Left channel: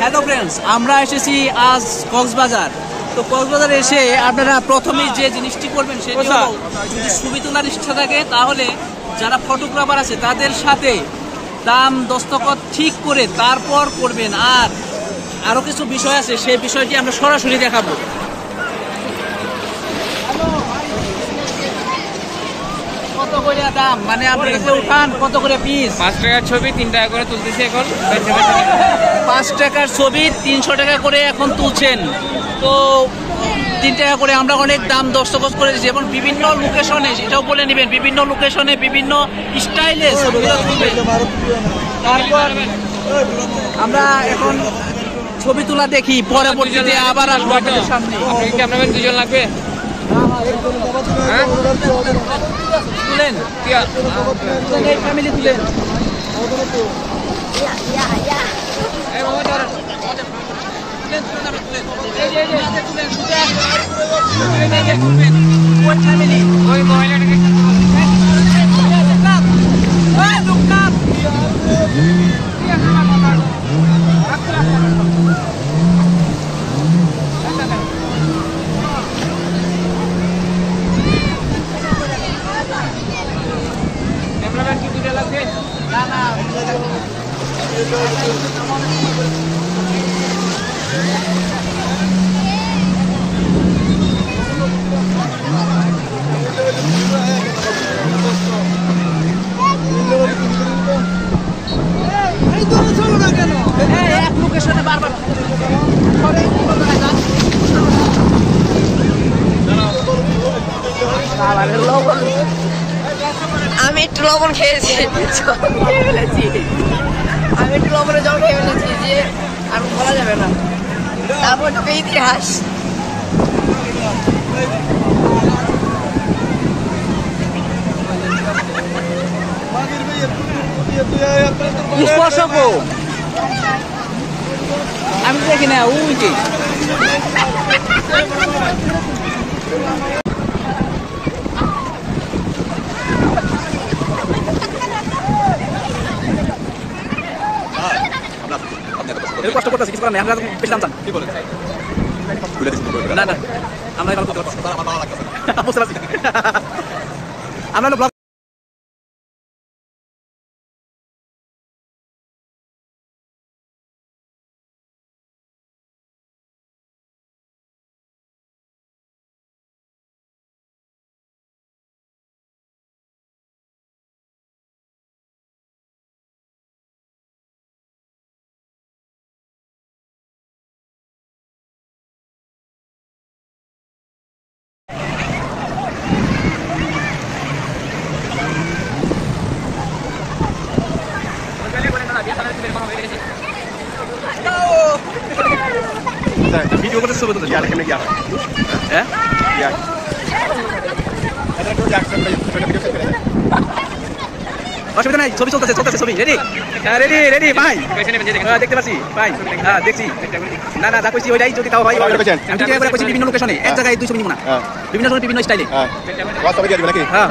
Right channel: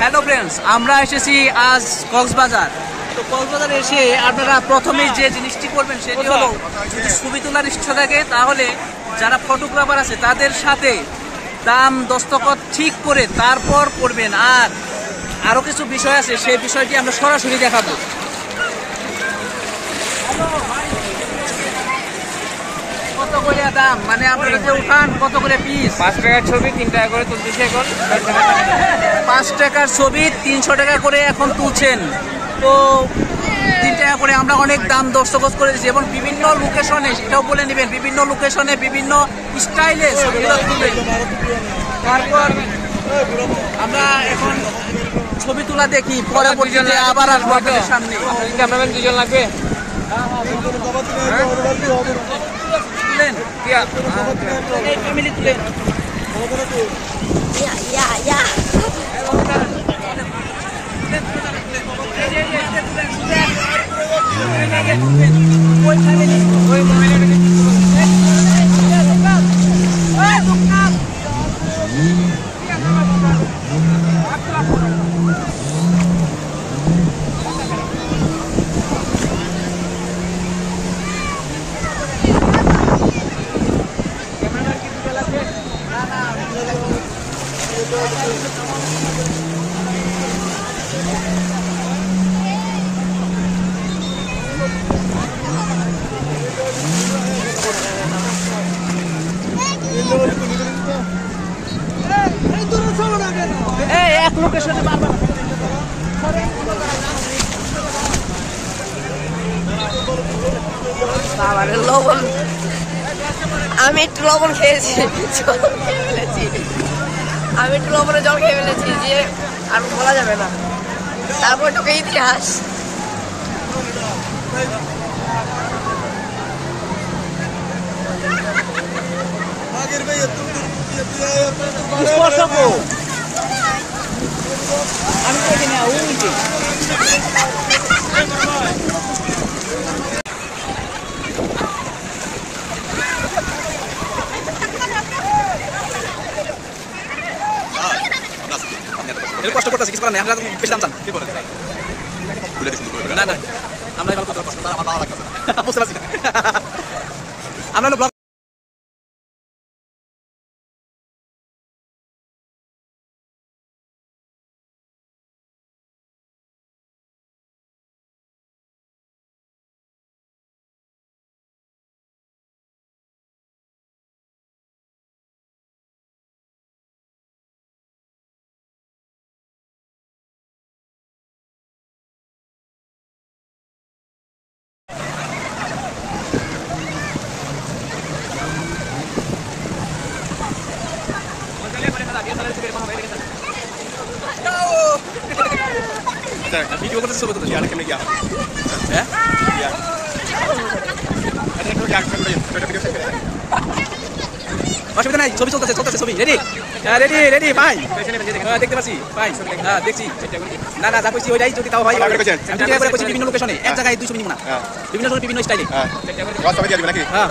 Hello friends, আমরা এসেছি আজ কক্সবাজার। তো কক্সবাজারে এসে আপনারা প্রথমে যে জিনিসটি করবেন সেটি হলো, যদি ছবি তোলার ইচ্ছা থাকে তাহলে যারা ফটোগ্রাফার আছে তাদের সাথে দাম দস্তখত ঠিক করে তারপর করবেন। আর আরো কিছু বিষয় আছে, সেই বিষয়টি আমরা সরাসরি দেখাবো। কত করে দাম, মানে আপনারা যে উঠান কত করে পিস? 5 টাকার ছবি 3 টাকা করে তুলতেছি এখন। 5 টাকার ছবি 300 টাকা করে এখন তুলছেন। তো 3 টাকা করে আমরা অনেক দাম দস্তখত করে দিচ্ছি এবং বিভিন্ন লোকেশনে, সেটাও বলে নেবেন, বিভিন্ন লোকেশনে বিভিন্ন স্টাইলে ছবিগুলো তুলবেন। তারপর আমরা এখন ছবি তোলা দেখি, পরবর্তীতে আবার আসবো আপনাদের সামনে। ক্যামেরাম্যান 2 জন লাগবে। তুলেন ফ্যামিলি তুলেন। আমি একটু লবণ খেয়েছি, আমি একটু লবণের জল খেয়ে ফেলেছি যে আর বলা যাবে না। তারপর তোকে ইতিহাস আমি দেখি না ওই যে কষ্ট করতেছি, কিছু করার নেই। আমরা বেশি দাম চান কি বলে না না, আমরা এবার বুঝতে পারছি আমরা ভিডিও করতে ছবি তুলতে হ্যাঁ অসুবিধা নাই, ছবি চলতেছে ছবি। রেডি রেডি রেডি ভাই, দেখতে পাচ্ছি ভাই, হ্যাঁ দেখছি। না না যা কইছি ওইটাই, যদি তাও হয় আমি ঠিক করে কইছি বিভিন্ন লোকেশনে, এক জায়গায় 2 ছবি নিব না, বিভিন্ন সময় বিভিন্ন স্টাইলে। হ্যাঁ